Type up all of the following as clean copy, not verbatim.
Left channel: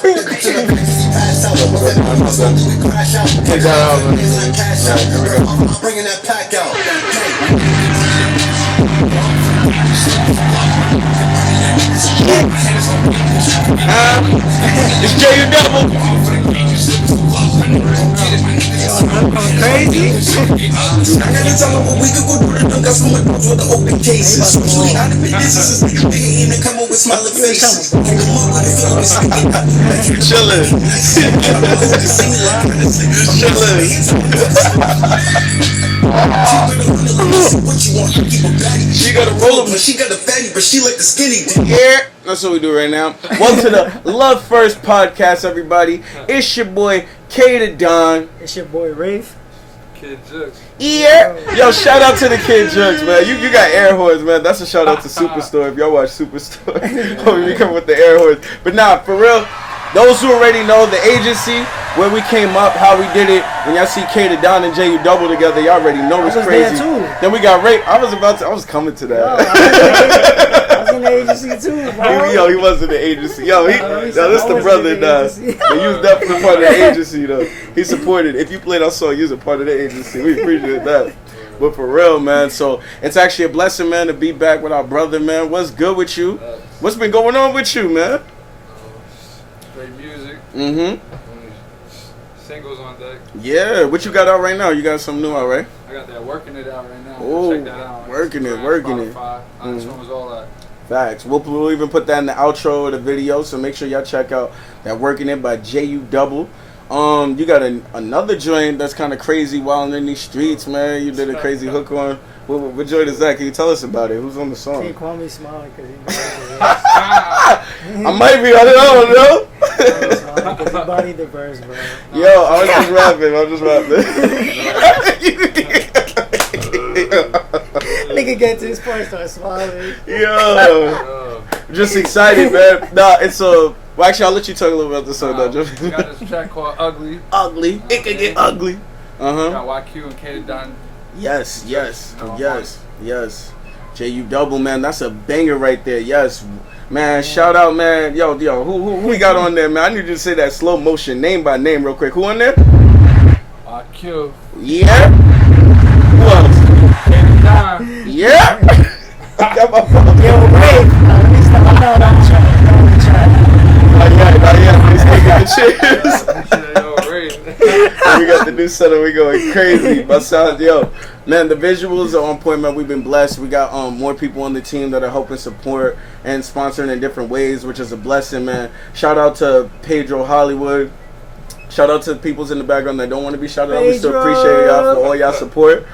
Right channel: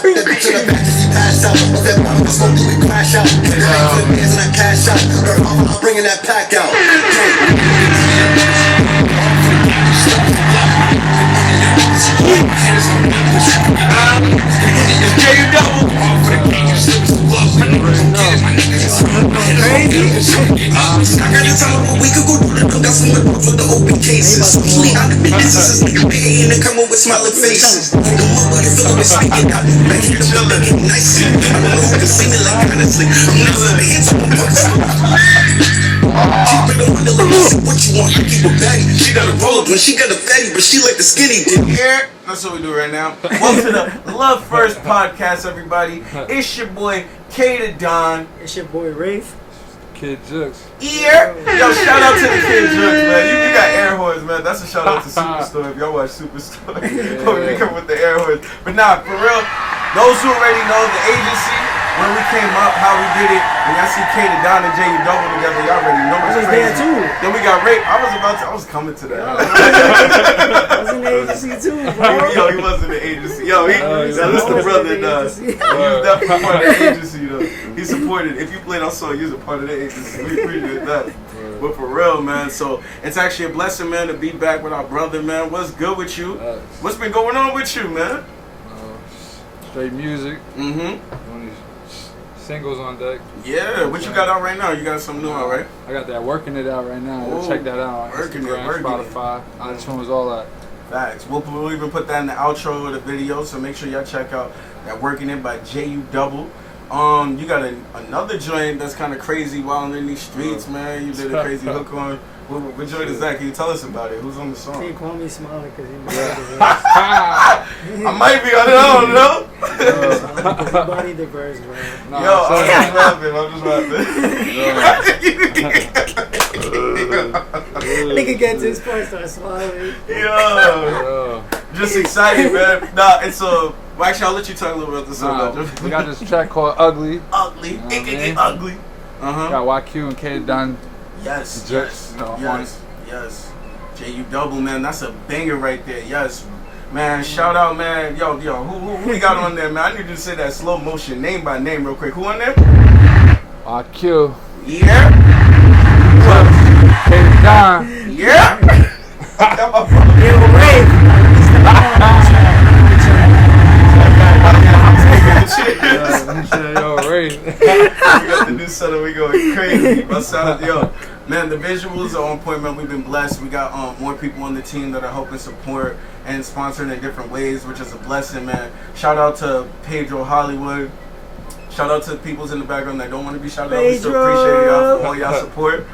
Bringing that pack out. It's J.U. Double. Going crazy. I gotta tell her what we could go through the got some adults with the open cases. Usually out of business is nigga behavior and come up with smiling faces. Come on, buddy, feel me speaking out. Chillin'. She got a roller, but she got a fatty, but she like the skinny dude. Yeah, that's what we do right now. Welcome to the Love First podcast, everybody. It's your boy K the Don. It's your boy Wraith. Kid Jux. Yeah. Yo, shout out to the Kid Jux, man. You got air horns, man. That's a shout out to Superstore. If y'all watch Superstore, we come with the air horns. But nah, for real, those who already know the agency, when we came up, how we did it, when y'all see K the Don and J.U. Double together, y'all already know it's crazy. I was there too. Then we got Ray. I was coming to that. I was in the agency too, bro. Yo, he was in the agency. Yo, this the brother does. He was definitely part of the agency, though. He supported. If you played our song, you was a part of the agency. We appreciate that. But for real, man, so it's actually a blessing, man, to be back with our brother, man. What's good with you? What's been going on with you, man? Straight music. Mm-hmm. Singles on deck. Yeah, what you got out right now? You got something new out, right? I got that Working It out right now. Ooh, Check that out. Working Instagram, It. Spotify, iTunes, all that. Facts. We'll even put that in the outro of the video, so make sure y'all check out that Working It by J.U. Double. You got another joint that's kind of crazy while in these streets, man. You did a crazy hook on. What joint is that? Can you tell us about it? Who's on the song? He called me smiling because he bodied the I might be on it. I don't know. verse. He bodied the verse, bro. Yo, I'm just rapping. Nigga get to his point, start smiling. Yo, just excited, man. Nah, it's well, actually, I'll let you talk a little about the song. We got this track called Ugly. Ugly. It can get ugly. Got YQ and K Don. Yes. J.U. Double, man, that's a banger right there. Yes, man. Shout out, man. Yo, who we got on there, man? I need you to say that slow motion, name by name, real quick. Who on there? YQ. Yeah. Who else? K Don. Yeah. Yo, Wraith. He's never known that track. Yo, Wraith. We got the new setup. We going crazy. Yo, man, the visuals are on point, man. We've been blessed. We got more people on the team that are helping support and sponsoring in different ways, which is a blessing, man. Shout out to Pedro Hollywood. Shout out to the peoples in the background that don't want to be shouted out. We still appreciate y'all for all y'all support.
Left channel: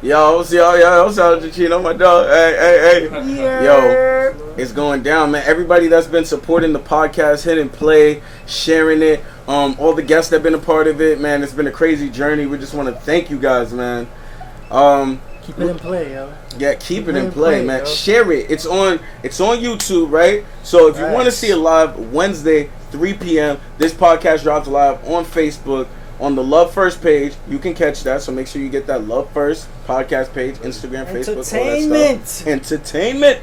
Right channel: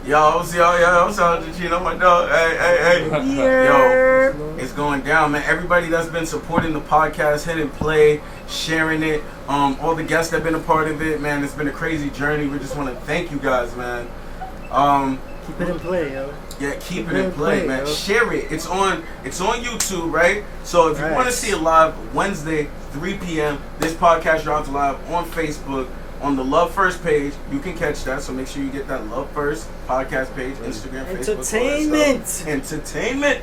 Yo, shout out to Chino, my dog. Hey. Yeah. Yo, it's going down, man. Everybody that's been supporting the podcast, hitting play, sharing it, all the guests that have been a part of it, man. It's been a crazy journey. We just want to thank you guys, man. Keep it in play, yo. Yeah, keep it in play, man. Yo. Share it. It's on YouTube, right? So if you want to see it live, Wednesday, 3 p.m., this podcast drops live on Facebook. On the Love First page, you can catch that. So make sure you get that Love First podcast page, Instagram, Facebook, Entertainment.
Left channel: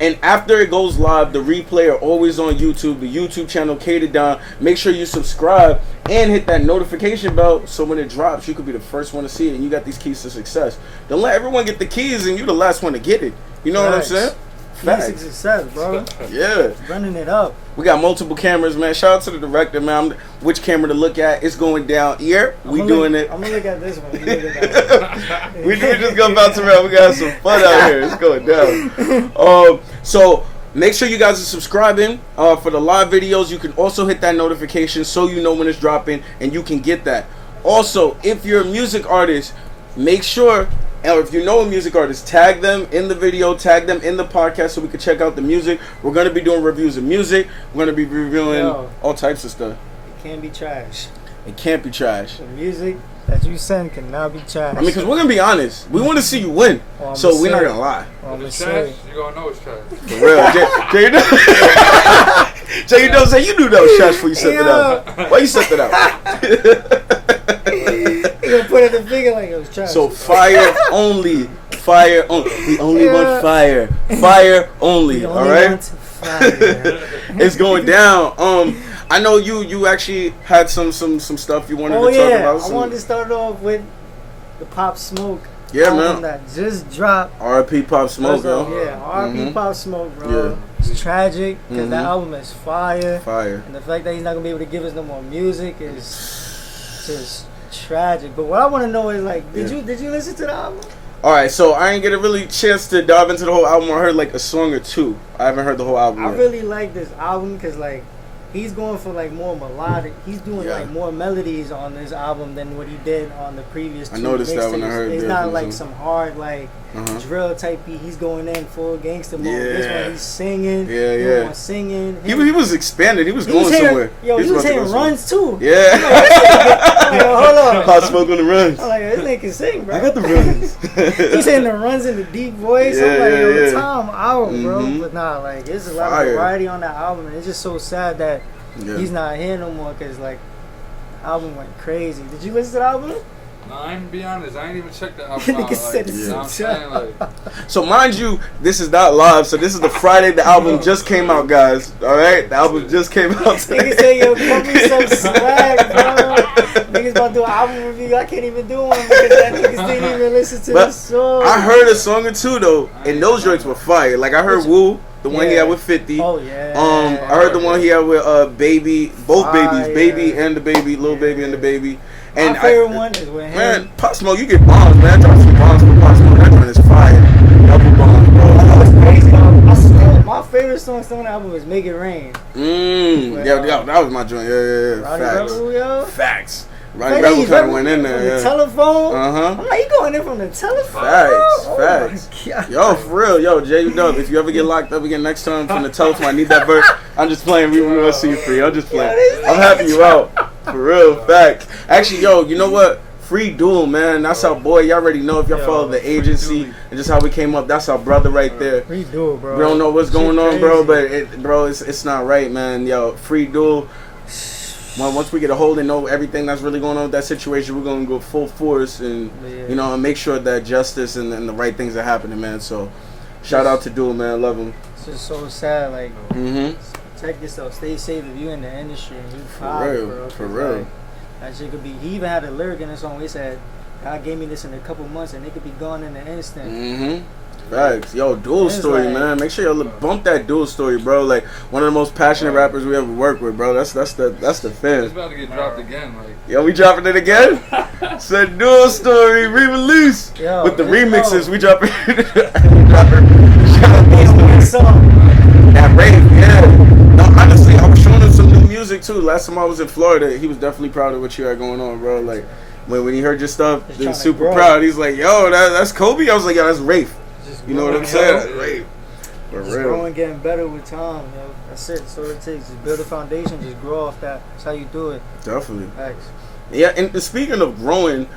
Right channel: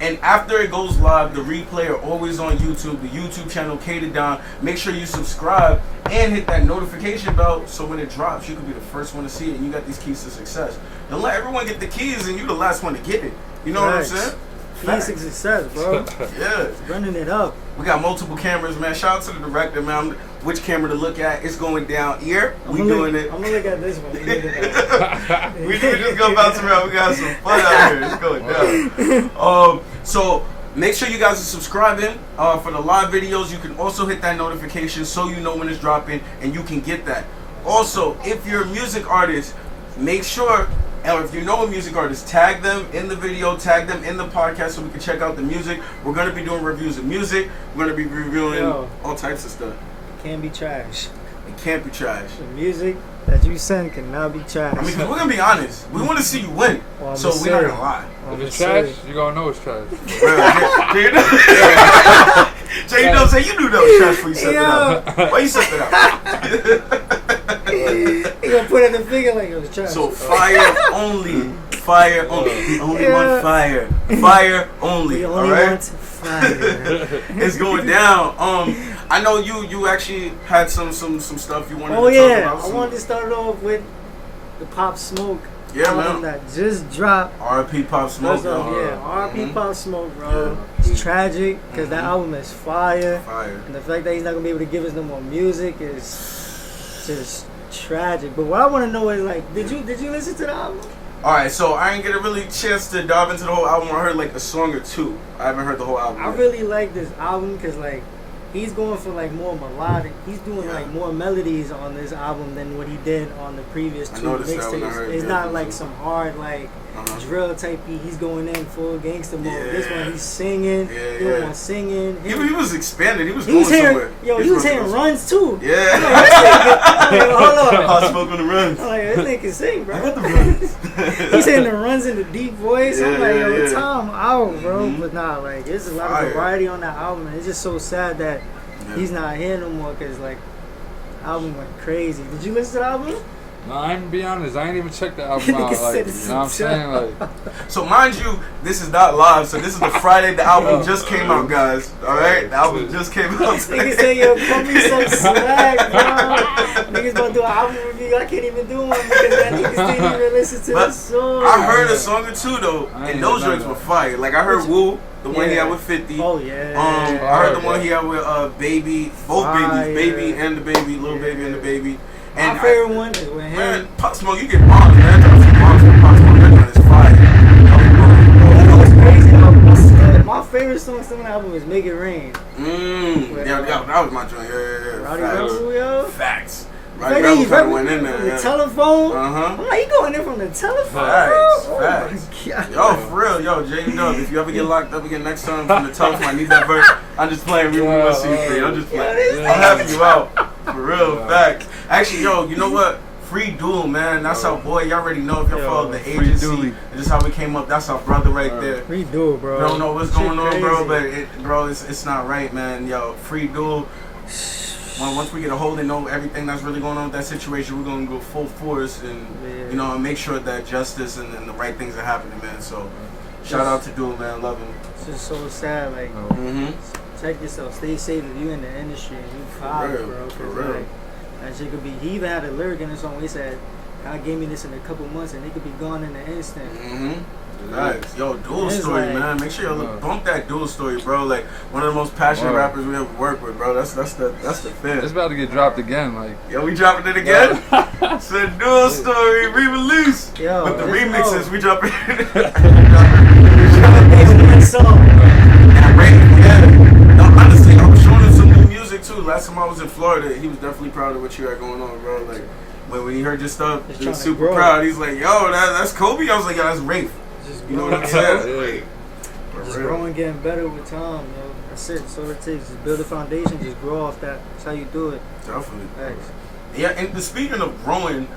And after it goes live, the replay are always on YouTube, the YouTube channel K the Don. Make sure you subscribe and hit that notification bell so when it drops, you could be the first one to see it. And you got these keys to success. Don't let everyone get the keys and you the last one to get it. You know what I'm saying? Keys to success, bro. Yeah. Running it up. We got multiple cameras, man. Shout out to the director, man. Which camera to look at? It's going down here. We doing it. I'm gonna look at this one. You look at that one. We need to just go bounce around. We got some fun out here. It's going down. So make sure you guys are subscribing for the live videos. You can also hit that notification so you know when it's dropping and you can get that. Also, if you're a music artist, make sure. And if you know a music artist, tag them in the video, tag them in the podcast so we can check out the music. We're going to be doing reviews of music. We're going to be reviewing all types of stuff. It can't be trash. It can't be trash. The music that you send cannot be trash. I mean, because we're going to be honest. We want to see you win. So we're not going to lie. If it's trash, you're going to know it's trash. For real. Jay, you say you knew that was trash before you set it out. Why you set it out? He gonna put it in the finger like it was trash. So fire only fire only. We only want fire. Fire only. We All only right. want fire. It's going down. I know you actually had some stuff you wanted Oh to talk yeah, about. I wanted to start off with the Pop Smoke man. album that just dropped. R.I.P. Pop Smoke. First off, yeah, R.I.P. Pop Smoke, bro. Yeah. It's tragic because that album is fire. Fire. And the fact that he's not gonna be able to give us no more music is just tragic. But what I want to know is like, did you listen to the album? All right, so I ain't get a really chance to dive into the whole album. I heard like a song or two. I haven't heard the whole album. I yet. really like this album because like he's going for like more melodic. He's doing like more melodies on this album than what he did on the previous two I noticed that when I mixtapes. heard It's it, not yeah, like too. some hard like drill type beat. He's going in full gangster mode. This Yeah. one he's singing. Yeah, He yeah. one singing. He was expanded. He was He going was hitting, somewhere. he was hitting runs too. Yeah. I'm like, hold on. Pop Smoke on the runs. I'm like, this nigga can sing, bro. I got the runs. He's hitting the runs in the deep voice. I'm like, yo, yeah. Tom out, bro. But nah, like, there's a lot Fire. of variety on that album, and it's just so sad that he's not here no more because, like, the album went crazy. Did you listen to the album? No, I'm gonna be honest. I ain't even checked the album out. Nigga Like, said you it's know what I'm saying? Like, So mind you, this is not live. So this is the Friday the album just came out, guys. All right, the album just came out. Niggas say, yo, put me some slack, bro. Niggas about to do an album review. I can't even do one because that niggas didn't even listen to But the song. I heard a song or two though, and those joints were fire. Like I heard Woo, the one he had with 50. Oh, yeah. I heard the one he had with Baby, both Fire. babies, Baby and the Baby, Lil Baby and the Baby. And My favorite one is with him. Man, Pop Smoke, you get bombs, man. Drop some bombs from Pop Smoke. That joint is fire. That was bomb. I know it's crazy. My favorite song still on the album is Make It Rain. Yeah, that was my joint. Yeah. Rowdy Facts. Rebel, yo. Facts. Like, Roddy Rebel he's kind of went in from there. the Yeah. telephone. Uh-huh. I'm like, he going in from the telephone. Facts, Oh facts. my God. Yo, for real, yo, J Dub, if you ever get locked up again next time from the telephone, I need that verse. I'm just playing C free. I'm just playing. I'm helping you out. For real, facts. Actually, yo, you know what? Free Duel, man. That's our boy. Y'all already know if y'all follow the agency. Dooley. And just how we came up. That's our brother right there. Redo it, bro. We don't know what's Shit going on, bro, crazy. but it's not right, man. Yo, Free Duel. Well, once we get a hold and know everything that's really going on with that situation, we're gonna go full force and you know and make sure that justice and the right things are happening, man. So, shout out to Duel, man. Love him. It's just so sad. Like, check yourself. Stay safe if you in the industry and you proud, real, bro. for 'cause, real. like, that shit could be. He even had a lyric in the song where he said, "God gave me this in a couple months and it could be gone in an instant." Facts. Yo, Duel It's story, like- man. Make sure you bump that Duel story, bro. Like one of the most passionate rappers we ever worked with, bro. That's the it's fan. about to get dropped again. Like, Yo, we dropping it again? Said Duel story re-release Yo, with the let's remixes. go. We dropping. Yeah, one song. That Wraith, yeah. No, honestly, I was showing him some new music too. Last time I was in Florida, he was definitely proud of what you had going on, bro. Like when he heard your stuff, Just he was tryna super grow. proud. He's like, "Yo, that's Kobe." I was like, "Yo, that's Wraith." Just You know what I'm growing, saying? yo. That's Wraith. For Just real. growing, getting better with time, yo. That's it. That's all it takes. Just build a foundation. Just grow off that. That's how you do it. Definitely. Thanks. Yeah, and speaking of growing,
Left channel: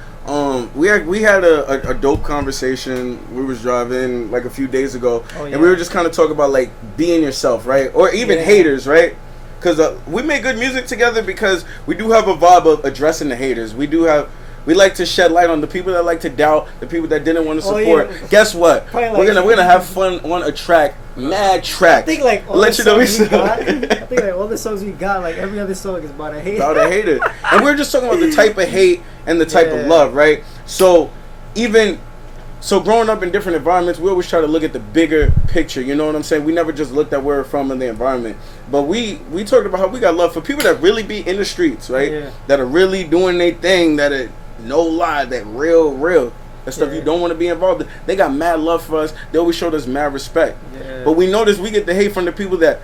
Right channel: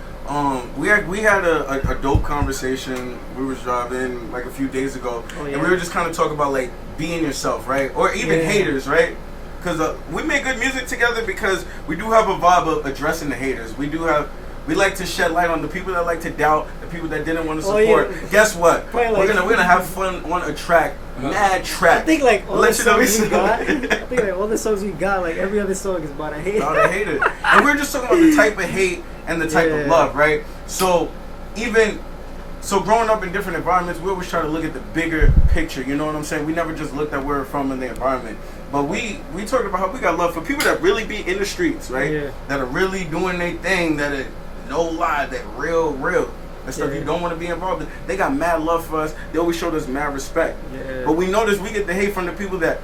we had a dope conversation. We was driving like a few days ago, Oh, yeah. and we were just kind of talking about like being yourself, right? Or even Yeah. haters, right? Because we make good music together because we do have a vibe of addressing the haters. We like to shed light on the people that like to doubt, the people that didn't want to Oh, support. yeah. Guess what? Probably We're like- gonna have fun on a track, mad track. I think like all Let the you know songs we we got. I think like all the songs we got, like every other song is about a hate. About a hater. And we're just talking about the type of hate and the type of Yeah. love, right? So growing up in different environments, we always try to look at the bigger picture. You know what I'm saying? We never just looked at where we're from in the environment. But we talked about how we got love for people that really be in the streets, right? Yeah. That are really doing their thing, that are no lie, that real. The stuff Yeah. you don't want to be involved in. They got mad love for us. They always showed us mad respect. Yeah. But we notice we get the hate from the people that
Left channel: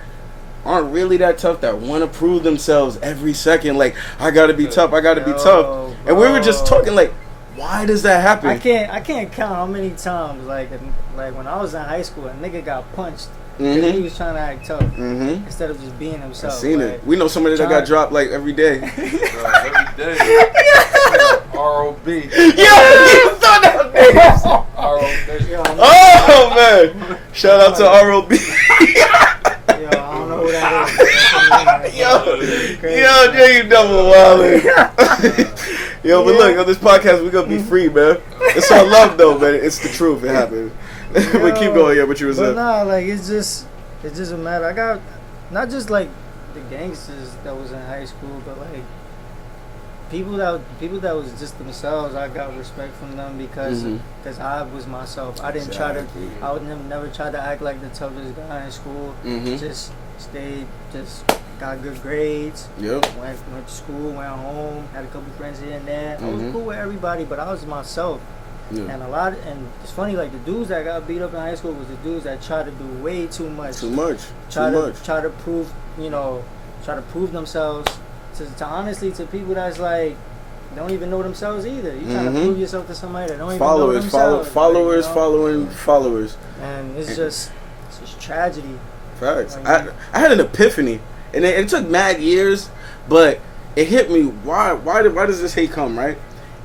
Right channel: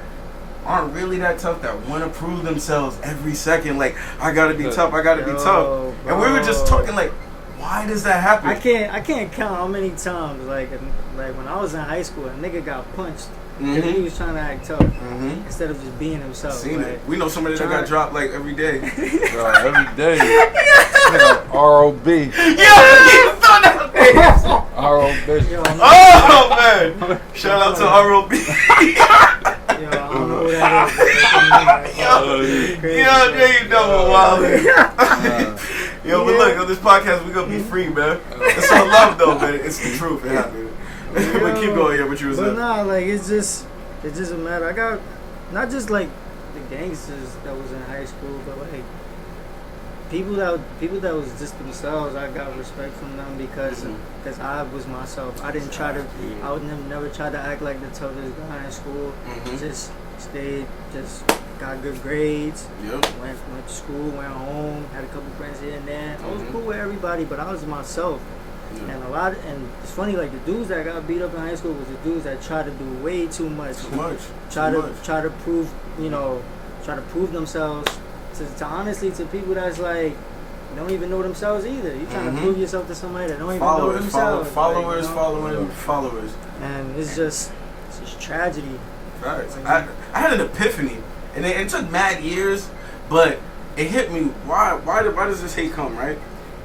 aren't really that tough, that want to prove themselves every second. Like, I gotta be tough, I gotta be Yo, tough. And we were just bro. talking like, why does that happen? I can't count how many times like when I was in high school, a nigga got punched because he was trying to act tough instead of just being I've himself. seen like, it. We know somebody that got dropped like every day. every day. R.O.B. Yeah, you thought that was R.O.B. Yo, Oh man! Shout out to ROB. yo, I don't know who that is. Yo, Jay, you double wildin'. Yo, but look, on this podcast, we gonna be free, man. It's all love, though, man. It's the truth. It happened. But keep going, yeah, what you was saying. But nah, like, it's just a matter. I got, not just, like, the gangsters that was in high school, but, like, people that was just themselves. I got respect from them because I was myself. I didn't try to. I would never try to act like the toughest guy in school. Just stayed. Just got good grades. Yep. Went to school. Went home. Had a couple friends here and there. I was cool with everybody, but I was myself. Yeah. And it's funny, like the dudes that got beat up in high school was the dudes that tried to do way too much. Try to prove, try to prove themselves. To honestly, to people that's like don't even know themselves either. You trying to prove yourself to somebody that don't even know themselves. Followers following followers. And it's just tragedy. Facts. Like, I had an epiphany, and it took mad years, but it hit me. Why does this hate come, right?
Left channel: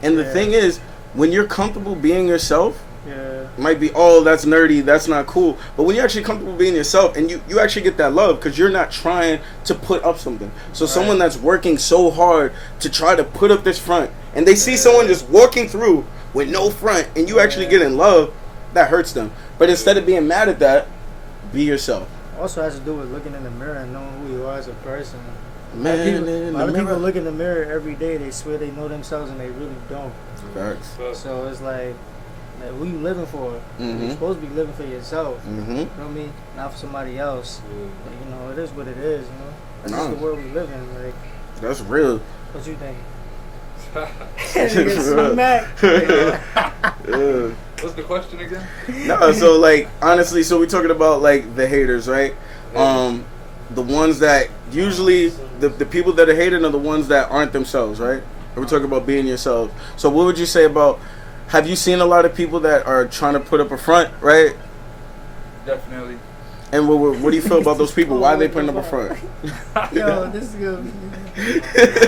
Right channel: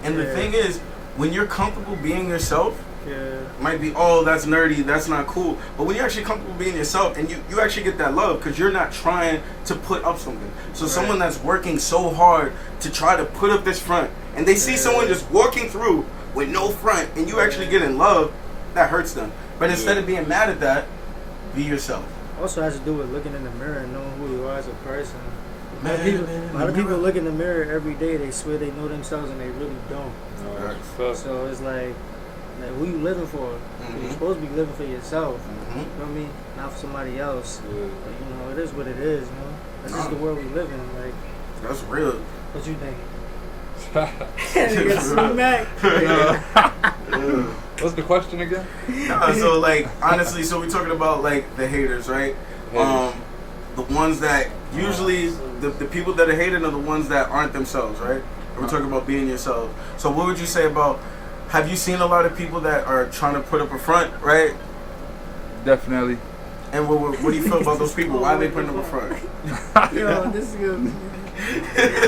And the thing is, when you're comfortable being yourself. Yeah. It might be, oh, that's nerdy, that's not cool. But when you're actually comfortable being yourself and you actually get that love because you're not trying to put up something. So someone that's working so hard to try to put up this front and they see someone just walking through with no front and you actually get in love, that hurts them. But instead of being mad at that, be yourself. Also has to do with looking in the mirror and knowing who you are as a person. Man, a lot of people look in the mirror every day, they swear they know themselves and they really don't. So it's like who you living for? You're supposed to be living for yourself. You know what I mean? Not for somebody else. But it is what it is. That's just the world we live in. Like, that's real. What you think? What's the question again? No, so like honestly, so we're talking about like the haters, right? The ones that usually the people that are hating are the ones that aren't themselves, right? And we're talking about being yourself. So what would you say about? Have you seen a lot of people that are trying to put up a front, right? Definitely. And what do you feel about those people? Why are they putting up a front? Yo, this is good.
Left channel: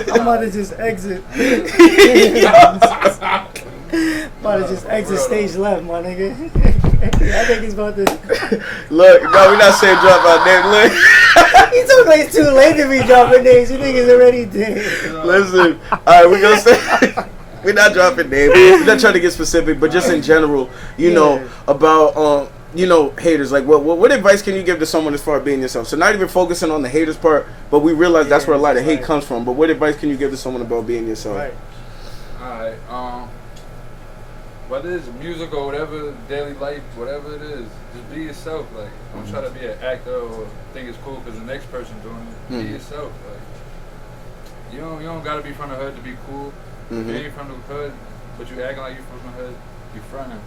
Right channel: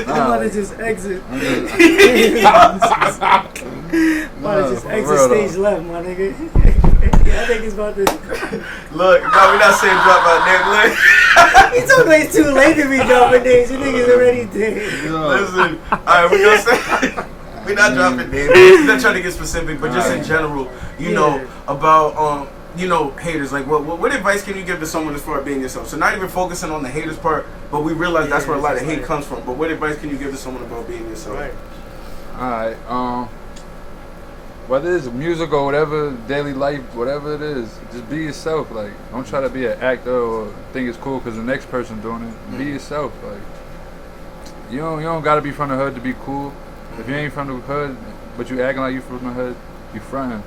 I'm about to just exit. Exit stage left, my nigga. I think he's about to. Look, no, we're not saying drop our name. Look. He told me it's too late to be dropping names. You niggas already dead. Listen, all right, we're gonna say. We're not dropping names. We're not trying to get specific, but just in general, about haters. Like, what advice can you give to someone as far as being yourself? So not even focusing on the haters part, but we realize that's where a lot of hate comes from. But what advice can you give to someone about being yourself? Right. All right. Whether it's music or whatever, daily life, whatever it is, just be yourself. Like, don't try to be an actor or think it's cool because the next person doing it. Be yourself. Like, you don't gotta be from the hood to be cool. If you ain't from the hood, but you acting like you from the hood, you frontin'.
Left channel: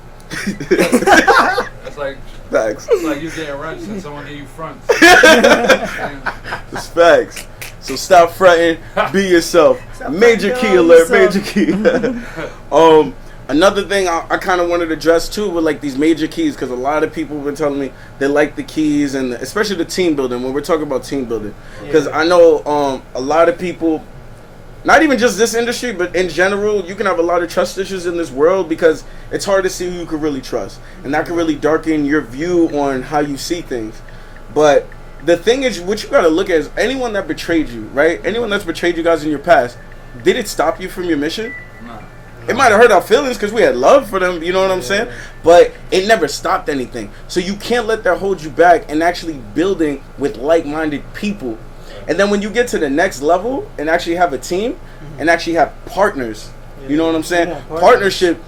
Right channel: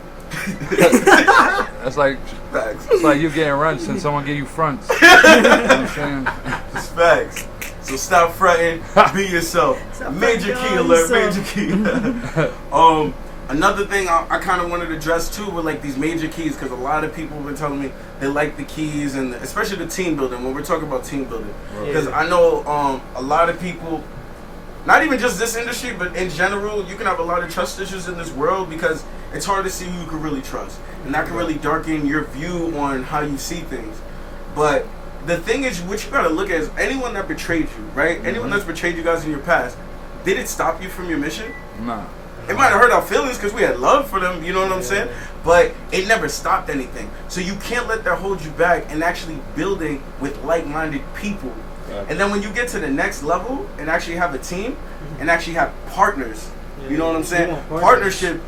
That's like facts. It's like you getting runs and someone give you fronts. You know what I'm saying? It's facts. So stop fronting, be yourself. Stop major key alert, major key. Another thing I kind of wanted to address too with like these major keys, because a lot of people have been telling me they like the keys and especially the team building when we're talking about team building. Because I know a lot of people. Not even just this industry, but in general, you can have a lot of trust issues in this world because it's hard to see who you can really trust. And that can really darken your view on how you see things. But the thing is, what you got to look at is anyone that betrayed you, right? Anyone that's betrayed you guys in your past, did it stop you from your mission? No. It might have hurt our feelings because we had love for them, you know what I'm saying? But it never stopped anything. So you can't let that hold you back and actually building with like-minded people. And then when you get to the next level and actually have a team and actually have partners, you know what I'm saying? Partnership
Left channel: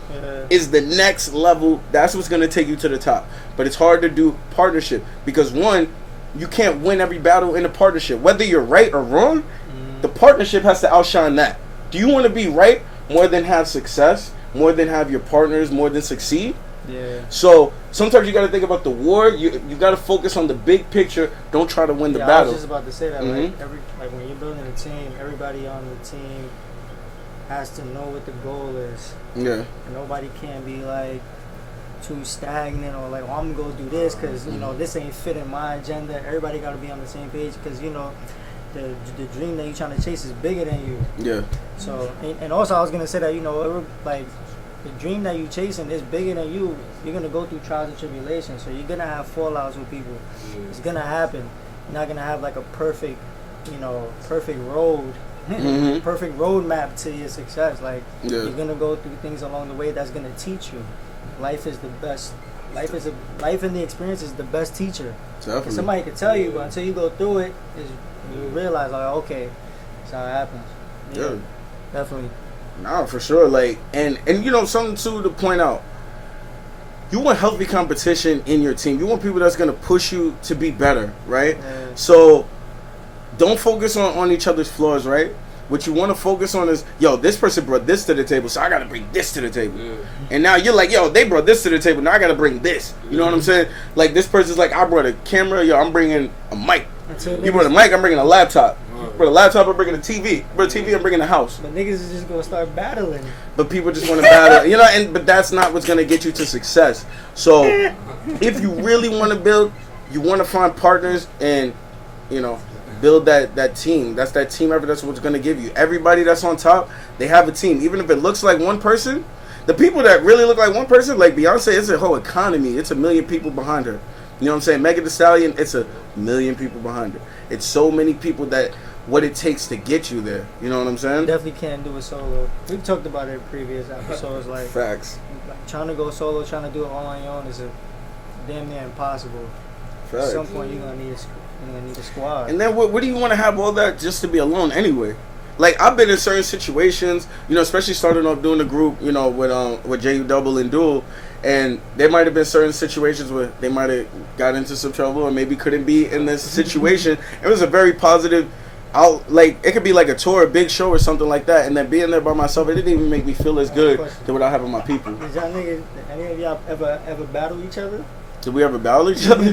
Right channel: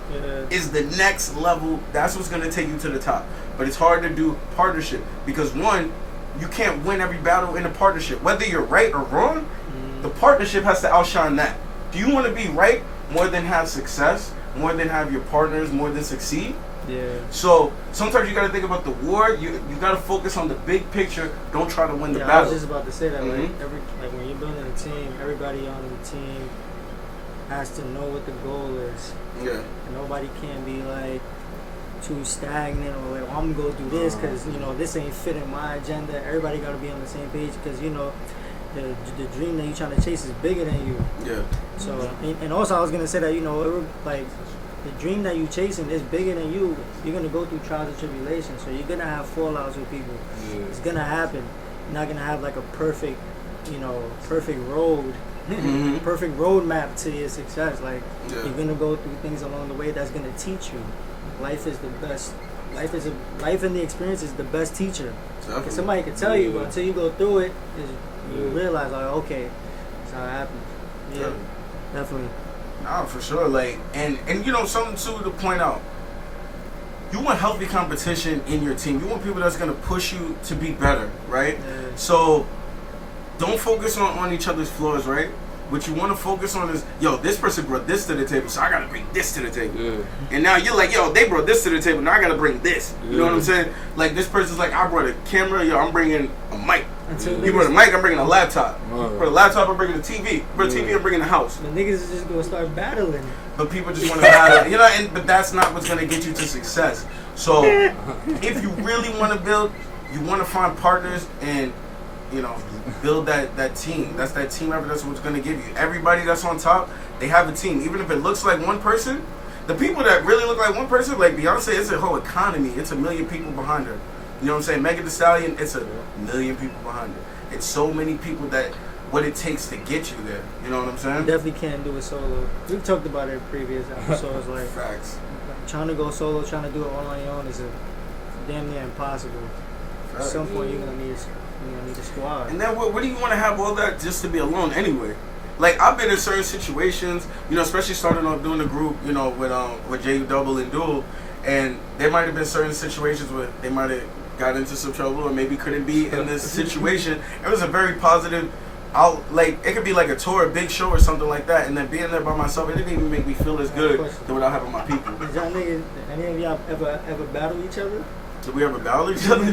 is the next level. That's what's going to take you to the top. But it's hard to do partnership because, one, you can't win every battle in a partnership. Whether you're right or wrong, the partnership has to outshine that. Do you want to be right more than have success, more than have your partners, more than succeed? Yeah. So sometimes you got to think about the war. You got to focus on the big picture. Don't try to win the battle. I was just about to say that. Like when you're building a team, everybody on the team has to know what the goal is. Yeah. And nobody can be like too stagnant or like, I'm gonna go do this because this ain't fitting my agenda. Everybody got to be on the same page because the dream that you're trying to chase is bigger than you. Yeah. So and also I was gonna say that like. The dream that you're chasing is bigger than you. You're going to go through trials and tribulations. So you're going to have fallouts with people. Yeah. It's going to happen. You're not going to have like a perfect road perfect roadmap to your success. Like Yeah. you're gonna go through things along the way that's gonna teach you. Life is the best. Life and the experience is the best teacher. Because somebody can tell you, but until you go through it, you realize like, okay, that's how it happens. Yeah, definitely. Nah, for sure. Like, and you know, something too to point out. You want healthy competition in your team. You want people that's gonna push you to be better, right? Yeah. So don't focus on each other's flaws, right? What you want to focus on is, yo, this person brought this to the table, so I gotta bring this to the table. Yeah. And now you're like, yo, they brought this to the table, now I gotta bring this. You know what I'm saying? Like, this person's like, I brought a camera, yo, I'm bringing a mic. You brought a mic, I'm bringing a laptop. For the laptop, I'm bringing a TV. For the TV, I'm bringing a house. But niggas is just gonna start battling. But people just want to battle, you know. But that's not what's gonna get you to success. So, if you really want to build, you want to find partners and, you know, build that team. That's that team effort. That's what's gonna give you. Everybody that's on top, they have a team. Even if it looks like one person, the people that really look like one person, like Beyonce, it's a whole economy. It's a million people behind her. You know what I'm saying? Megan Thee Stallion, it's a million people behind her. It's so many people that what it takes to get you there. You know what I'm saying? You definitely can't do it solo. We've talked about it in previous episodes. Like, Facts. Trying to go solo, trying to do it all on your own is damn near impossible. Facts. At some point, you're gonna need a squad. And then what do you want to have all that just to be alone anyway? Like, I've been in certain situations, you know, especially starting off doing the group, you know, with JU Double and Dual, and there might have been certain situations where they might have got into some trouble or maybe couldn't be in this situation. It was a very positive like, it could be like a tour, a big show or something like that, and then being there by myself, it didn't even make me feel as good than without having my people. Did y'all niggas, any of y'all ever battle each other? Did we ever battle each other?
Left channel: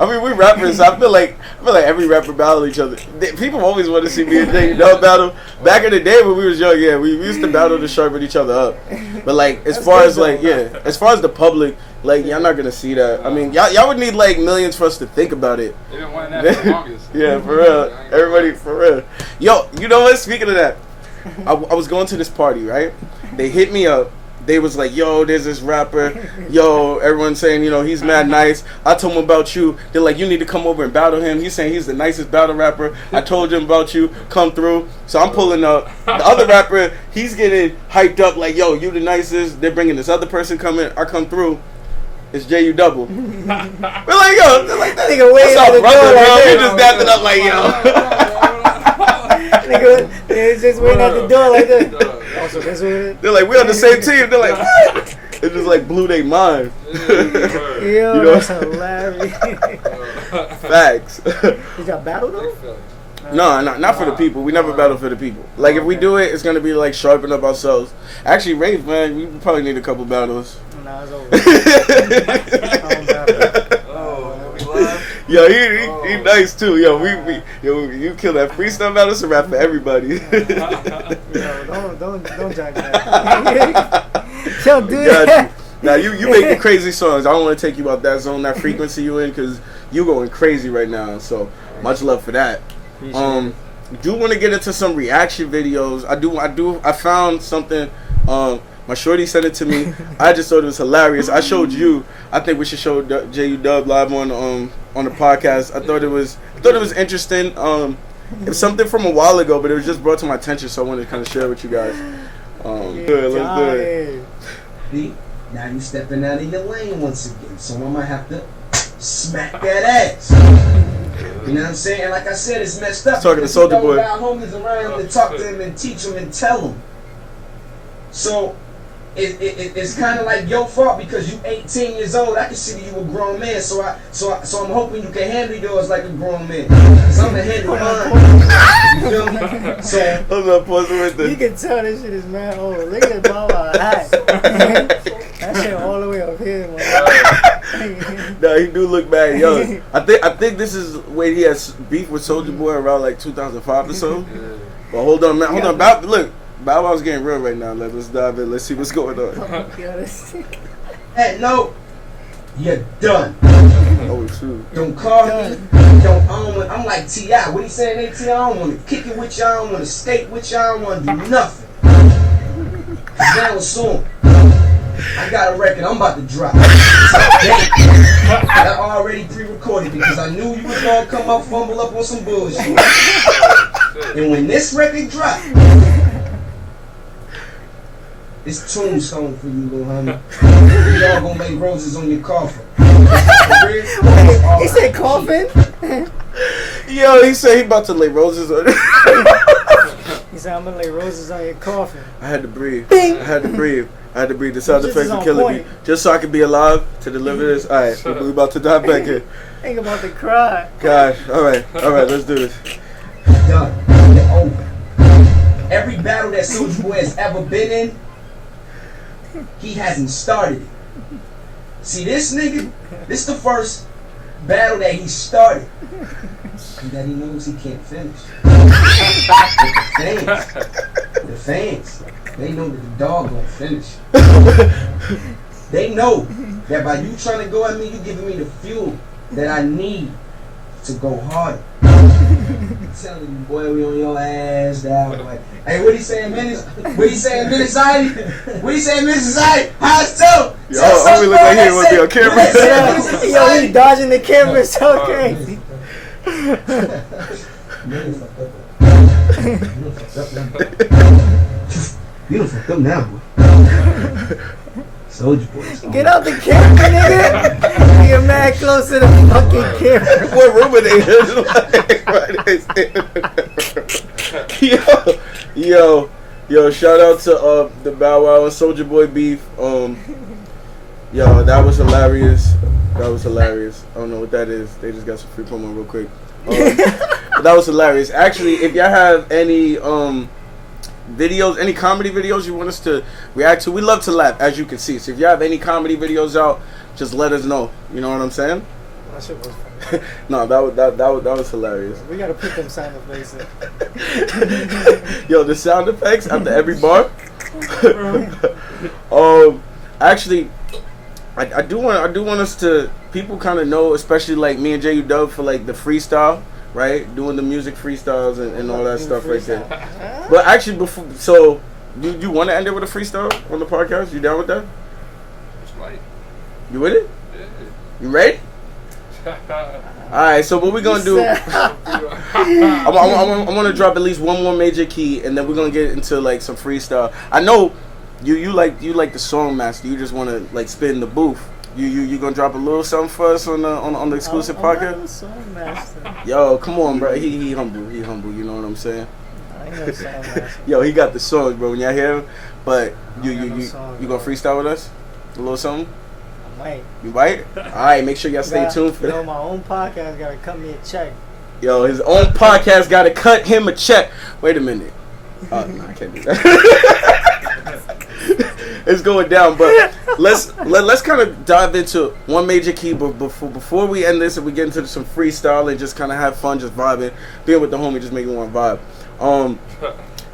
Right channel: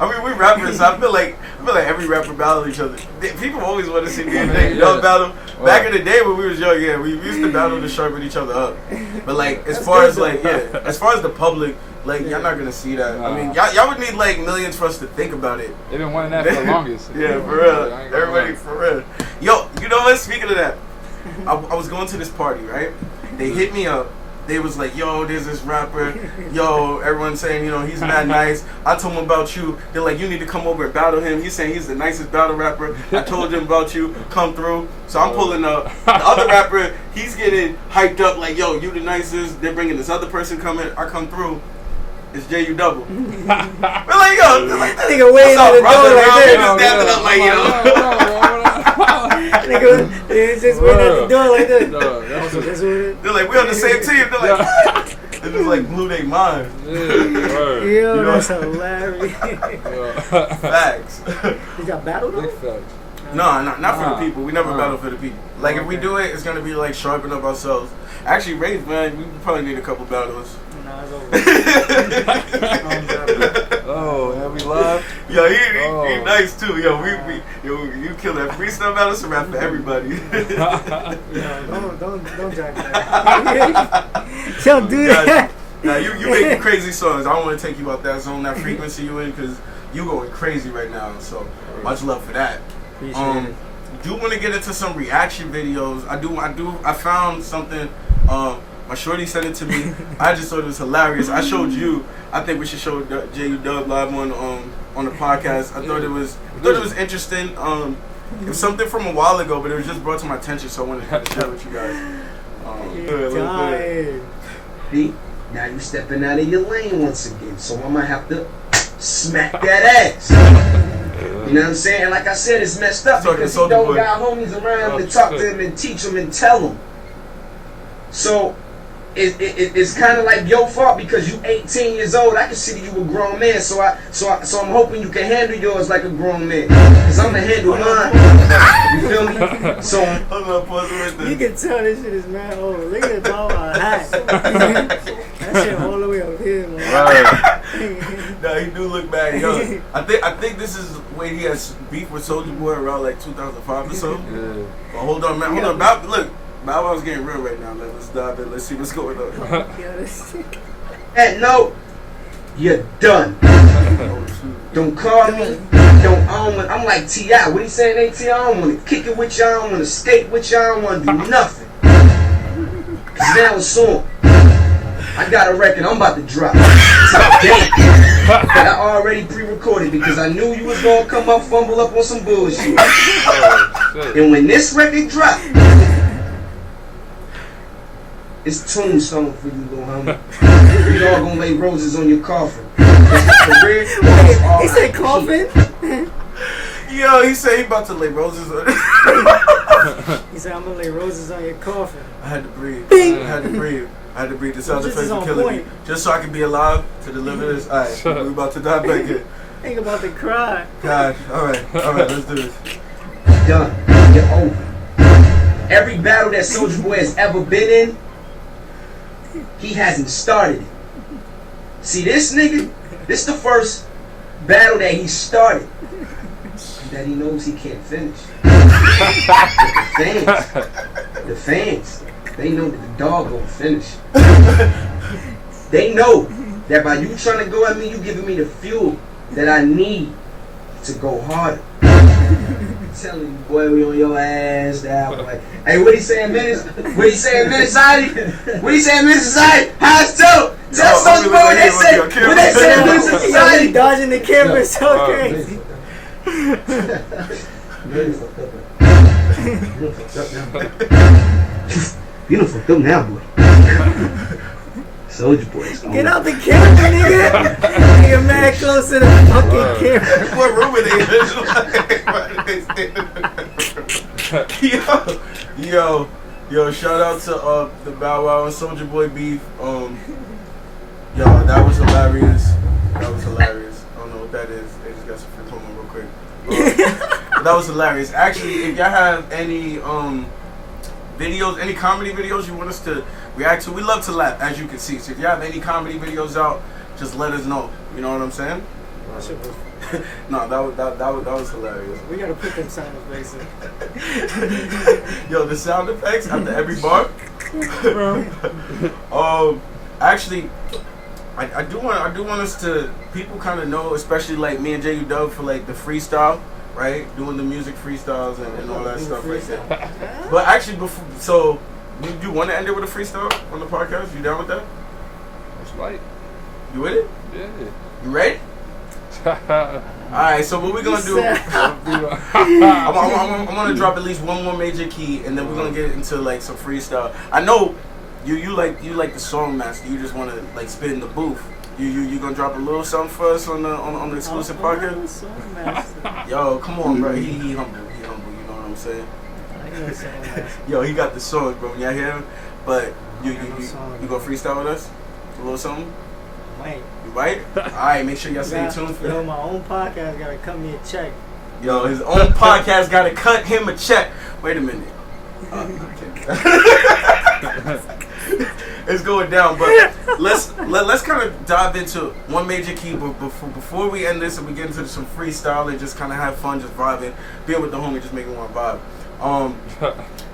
I mean, we rappers. So I feel like every rapper battle each other. People always want to see me and Jay battle. Back in the day when we was young, yeah, we used to battle to sharpen each other up. But like, as far as the public, like, y'all not gonna see that. I mean, y'all would need like millions for us to think about it. They've been wanting that for the longest. Yeah, for real. Everybody, for real. Yo, you know what? Speaking of that, I was going to this party, right? They hit me up. They was like, yo, there's this rapper. Yo, everyone's saying, you know, he's mad nice. I told him about you. They're like, you need to come over and battle him. He's saying he's the nicest battle rapper. I told him about you. Come through. So I'm pulling up. The other rapper, he's getting hyped up like, yo, you the nicest. They're bringing this other person coming. I come through. It's JU Double. We're like, yo. They're like, nigga waiting at the door like that. Just dapping up like, yo. Nigga, they just waiting at the door like that. They're like, we're on the same team. They're like, it just like blew their mind. Yo, you know? that's hilarious. Facts. Did y'all battle though? No, not for the people. We never battle for the people. Like, if we do it, it's gonna be like sharpen up ourselves. Actually, Wraith, man, we probably need a couple battles. Nah, it's over. I don't battle. Oh, have we live? Yo, he nice too. Yo, you kill that freestyle battle. It's a rap for everybody. Yo, don't jack that. Don't do that. Now you making crazy songs. I don't want to take you out that zone, that frequency you in, because you going crazy right now. So much love for that. Do want to get into some reaction videos. I found something. My shorty sent it to me. I just thought it was hilarious. I showed you. I think we should show JU Dub live on the podcast. I thought it was interesting. It was something from a while ago, but it was just brought to my attention, so I wanted to kind of share it with you guys. Good. Now you stepping out of your lane once again, so I'm gonna have to smack that ass. You know what I'm saying? Like I said, it's messed up because you don't got homies around to talk to them and teach them and tell them. So it's kind of like your fault because you 18 years old. I consider you a grown man, so I'm hoping you can handle yours like a grown man. Cause I'm the handle mine. You feel me? So you can tell this shit is mad old. Look at the ball hat. That shit all the way up here, man. No, he do look bad, yo. I think this is when he has beef with Soulja Boy around like 2005 or so. Yeah. Well, hold on, man. Hold on. Look. Bow Wow's getting real right now. Let's dive in. Let's see what's going on. Hey, no, you're done. Oh, shoot. Don't call me. I'm like T.I. What he saying? Hey, T.I., I don't want to kick it with you. I don't want to skate with you. I don't want to do nothing. Cause now it's on. I got a record I'm about to drop. But I already pre-recorded because I knew you was gonna come up, fumble up on some bullshit. shit. And when this record drop, it's tombstone for you, little homie. You all gonna lay roses on your coffin. Wait, he said coffin? Yo, he said he about to lay roses on it. He said, I'm gonna lay roses on your coffin. I had to breathe. Bing. I had to breathe. I had to breathe. The sound This effects is are on killing point. me. Just so I could be alive to deliver this. Alright, we about to dive back in. Think about the cry. God. Alright, let's do this. Done. You're over. Every battle that Soulja Boy has ever been in, he hasn't started it. See, this nigga, this the first battle that he started. That he knows he can't finish. The fans, they know that the dog won't finish. They know that by you trying to go at me, you giving me the fuel that I need to go harder. I'm telling you, boy, we on your ass now. Like, hey, what he saying, minutes? What he saying, minutes society? What he saying, minutes society? How's it so? Yo, I'm really like he would be on camera. Yo, he dodging the camera so crazy. You done fucked up now, boy. Soulja Boy. Get out the camera, nigga. You're mad close to the fucking camera. What room are they in? Yo, shout out to the Bow Wow and Soulja Boy beef. Yo, that was hilarious. I don't know what that is. They just got some free promo real quick. That was hilarious. Actually, if y'all have any videos, any comedy videos you want us to react to, we love to laugh, as you can see. So if you have any comedy videos out, just let us know. You know what I'm saying? That shit was funny. No, that was hilarious. We gotta put them sound effects in. Yo, the sound effects after every bar. Actually, I do want us to, people kind of know, especially like me and J.U. Dub, for like the freestyle, right? Doing the music freestyles and all that stuff right there. But actually, before, so you want to end it with a freestyle on the podcast? You down with that? It's light. You with it? Yeah. You ready? Alright, so what we're gonna do, I'm gonna drop at least one more major key, and then we're gonna get into like some freestyle. I know you like the song master. You just wanna like spit in the booth. You gonna drop a little something for us on the exclusive podcast? Song master. Yo, come on, bro. He humble. You know what I'm saying? I ain't no song master. Yo, he got the songs, bro. When y'all hear him, but you song, gonna freestyle with us? A little something? I might. You might? Alright, make sure y'all stay tuned for that. Yo, my own podcast gotta cut me a check. Yo, his own podcast gotta cut him a check. Wait a minute. No, I can't do that. It's going down, but let's kind of dive into one major key. But before we end this and we get into some freestyle and just kind of have fun, just vibing, being with the homie, just making one vibe.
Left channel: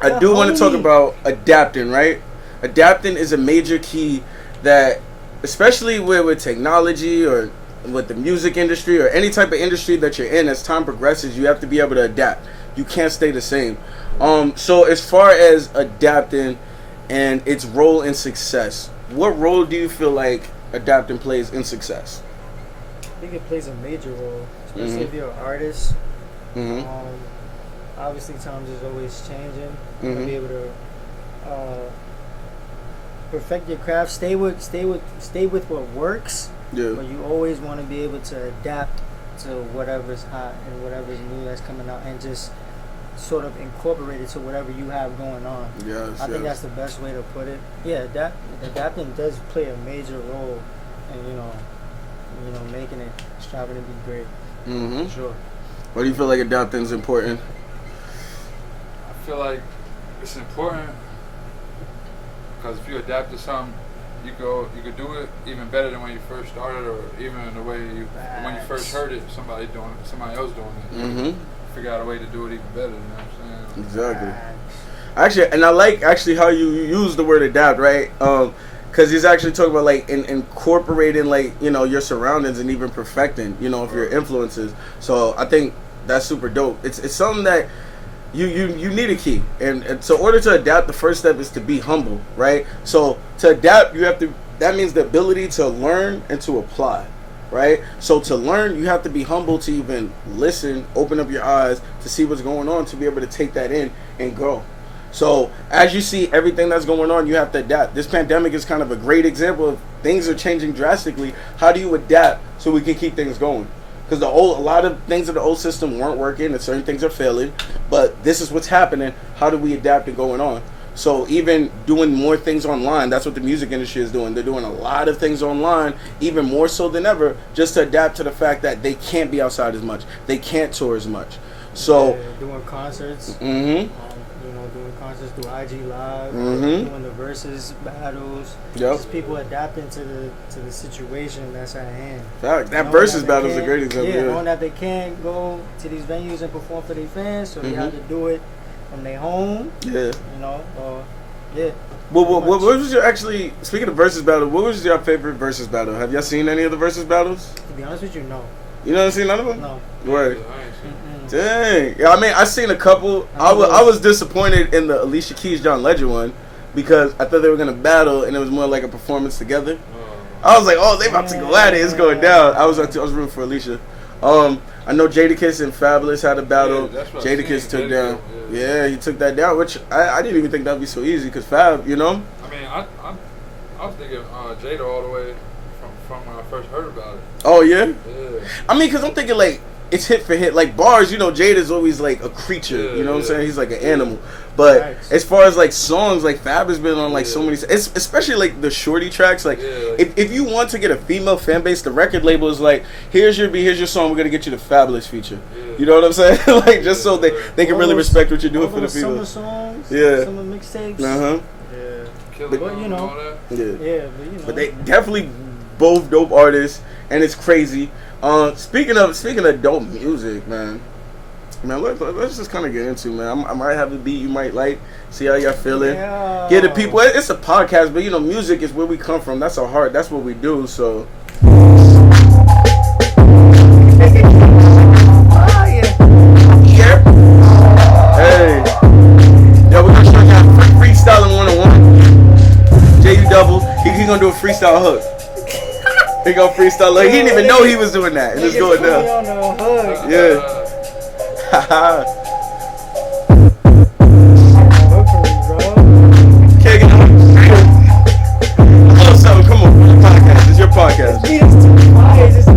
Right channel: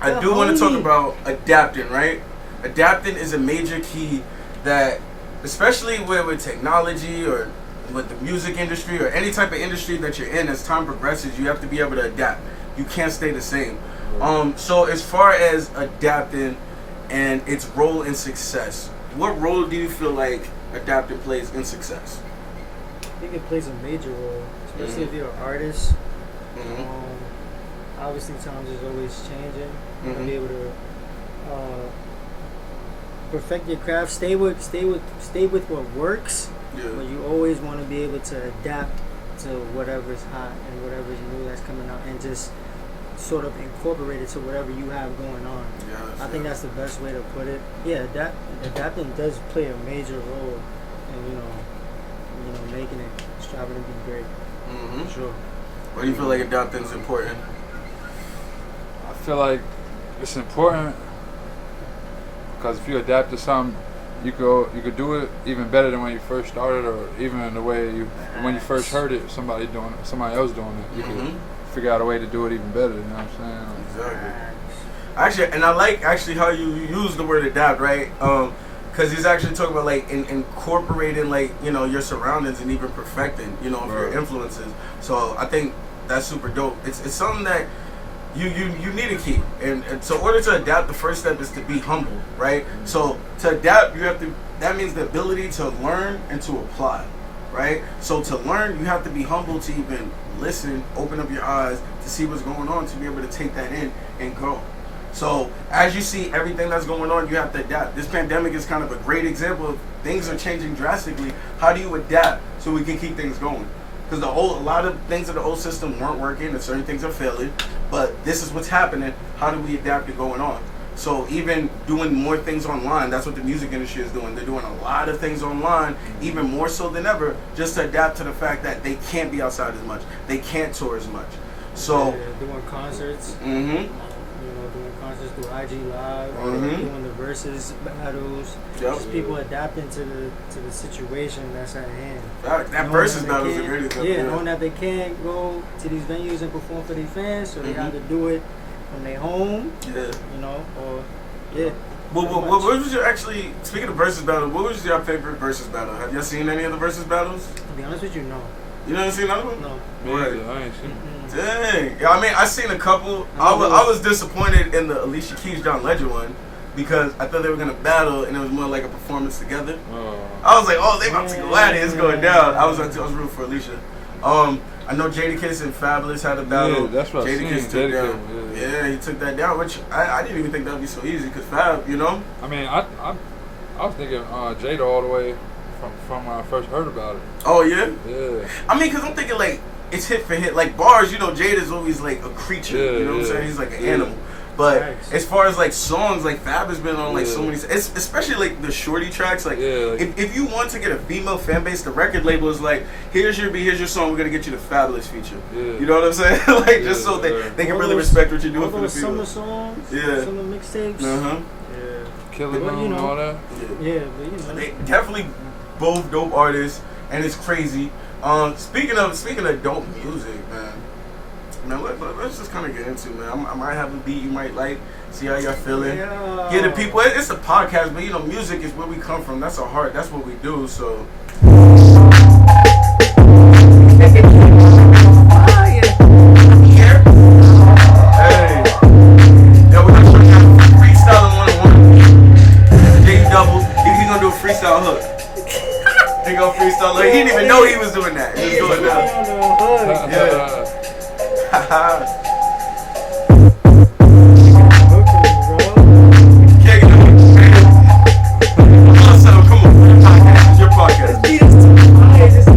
I do want to talk about adapting, right? Adapting is a major key that, especially with technology or with the music industry or any type of industry that you're in, as time progresses, you have to be able to adapt. You can't stay the same. So as far as adapting and its role in success, what role do you feel like adapting plays in success? I think it plays a major role, especially if you're an artist. Obviously, times is always changing. You gotta be able to perfect your craft. Stay with what works. Yeah. But you always want to be able to adapt to whatever's hot and whatever's new that's coming out, and just sort of incorporate it to whatever you have going on. Yes, I think that's the best way to put it. Yeah, adapting does play a major role in making it, striving to be great. Sure. Why do you feel like adapting is important? I feel like it's important because if you adapt to something, you could do it even better than when you first started, or even in the way when you first heard it, somebody else doing it. You can figure out a way to do it even better. You know what I'm saying? Exactly. Actually, and I like how you use the word adapt, right? Because he's actually talking about like incorporating like your surroundings and even perfecting of your influences. So I think that's super dope. It's something that you need a key, and so in order to adapt, the first step is to be humble, right? So to adapt, that means the ability to learn and to apply. right? So to learn, you have to be humble to even listen, open up your eyes to see what's going on, to be able to take that in and grow. So as you see everything that's going on, you have to adapt. This pandemic is kind of a great example of things are changing drastically. How do you adapt so we can keep things going? Because a lot of things in the old system weren't working and certain things are failing, but this is what's happening. How do we adapt to going on? So even doing more things online, that's what the music industry is doing. They're doing a lot of things online, even more so than ever, just to adapt to the fact that they can't be outside as much. They can't tour as much. So doing concerts. Mm-hmm. Doing concerts through IG Live, Mm-hmm. doing the versus battles. Yep. Just people adapting to the situation that's at hand. That Knowing versus that battle is a great example. Yeah, knowing that they can't go to these venues and perform for their fans, so they have to do it from their home. Yeah. Or yeah. Well, what was your speaking of versus battle? What was your favorite versus battle? Have y'all seen any of the versus battles? To be honest with you, no. You never seen none of them? No. Right. Yeah, I ain't seen it. Dang. Yeah, I mean, I seen a couple. I was disappointed in the Alicia Keys John Legend one because I thought they were gonna battle and it was more like a performance together. I was like, oh, they about to go at it. It's going down. I was rooting for Alicia. I know Jadakiss and Fabulous had a battle. Yeah, that's what Jadakiss took down. Yeah, he took that down, which I didn't even think that'd be so easy because Fab, you know. I mean, I was thinking Jada all the way from when I first heard about it. Oh yeah. Yeah. I mean, because I'm thinking like it's hit for hit. Like bars, you know, Jada's always like a creature. Yeah, you know what I'm yeah. saying? He's like an animal. But Nice. as far as like songs, like Fab has been on like so Yeah. many, especially like the shorty tracks. Like, Yeah, like- if you want to get a female fan base, the record label is like, here's your beat, here's your song. We're gonna get you the Fabulous feature. Yeah. You know what I'm saying? Like just so Yeah. they can All really those- respect what you're doing all for the those summer female. songs, Yeah. summer mixtapes. Uh Yeah. Killer But, you and know. all that. huh. Yeah. Yeah, but you know. But they definitely both dope artists, and it's crazy. Speaking of dope music, man, let's just kind of get into, man. I might have a beat you might like. See how y'all feeling. Yeah. The people. It's a podcast, but you know, music is where we come from. That's our heart. That's what we do. So. Yeah. Hey. Yeah, we're gonna show you freestyling 101. J double. He gonna do a freestyle hook. He gonna freestyle like he didn't even know he was doing that. Just do it now. On the hook. Yeah. Haha. Hook for me, bro. Can't get oh, so come on, the podcast. It's your podcast. Beat is too high. It's just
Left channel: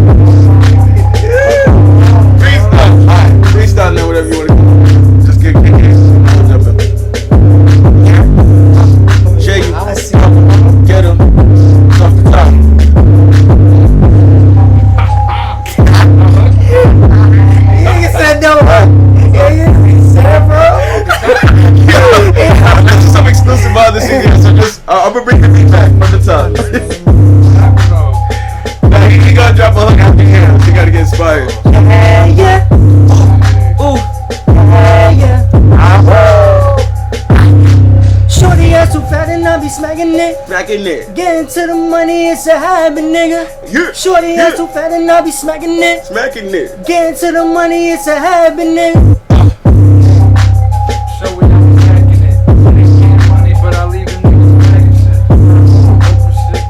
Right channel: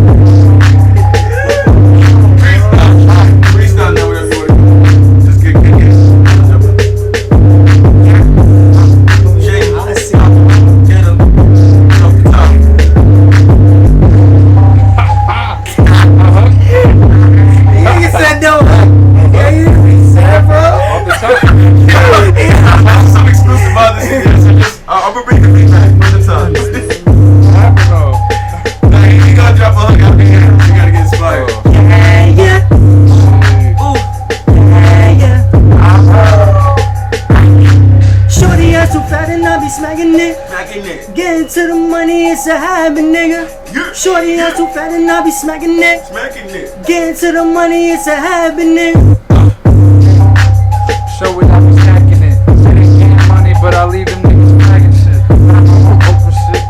Freestyle. Alright, freestyle now, whatever you want to do. Just get jump in. Shake it. I see. Get him. Off the top. You said no. Yeah, you said, bro. That's some exclusive on this here, so just I'm gonna bring the beat back from the top. I don't know. Now he gonna drop a hook out the end. You gotta get inspired. Yeah, yeah. Ooh. Yeah, yeah. Shorty ass too fat and I be smacking it. Back in there. Getting to the money, it's a habit, nigga. Yeah. Shorty ass too fat and I be smacking it. Smacking it. Getting to the money, it's a habit, nigga. Show it, I be stacking it. It ain't getting money, but I leave them niggas flagging shit. But I'm on open shit.